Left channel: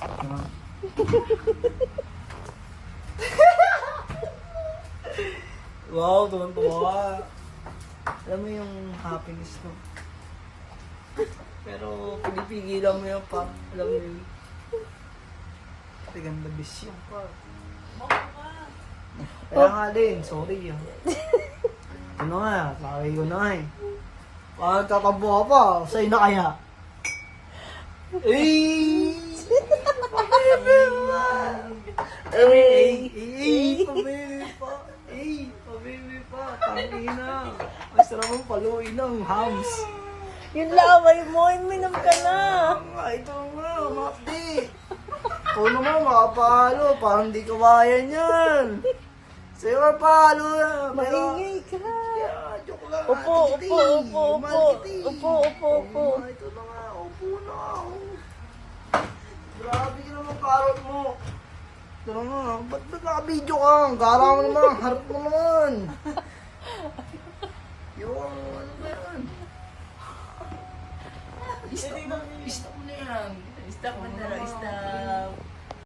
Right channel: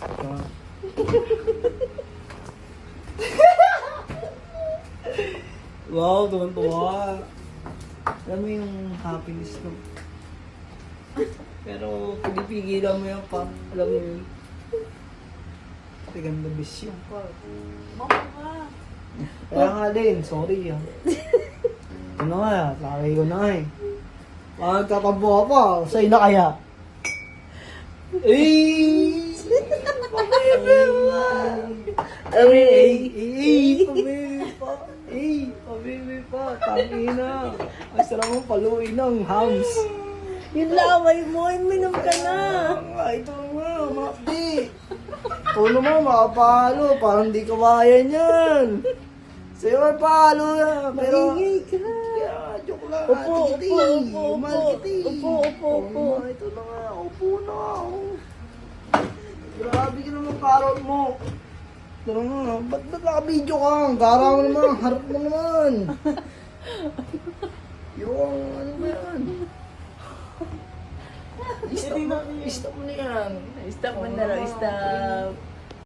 Ito nga. Wow, tuwan-tuwa. Alam mo yung happiness no? Pero pinipigilan mo yan pa. Alam mo yun. Ganda bisyo pa. Kaya nga din, sorry ah. Ano nga, laki ko na eh. Pagtatampo ka pa, sa'yo na kaya. Eh! Pabebe pa! Pabebe pa! Pabebe pa! Tangina! Ay, sarap mong paluin ng hams. Yun lang, minum ka na. Ito nga, makdi. Oo naman, makapalo. Parang di kawayan yan. Sa'yo mapalo na. Pero, yeah, joke lang. Upo. Mahal kita eh. Upo. Ito na nga, upo na. Grabe ka naman karot mo. Ito na nga, ba't naka-video ka? Ang gara mo naman, harap mo naman. Yung, ano ba yan? Stop mo na yan. Stop mo na lang, stop.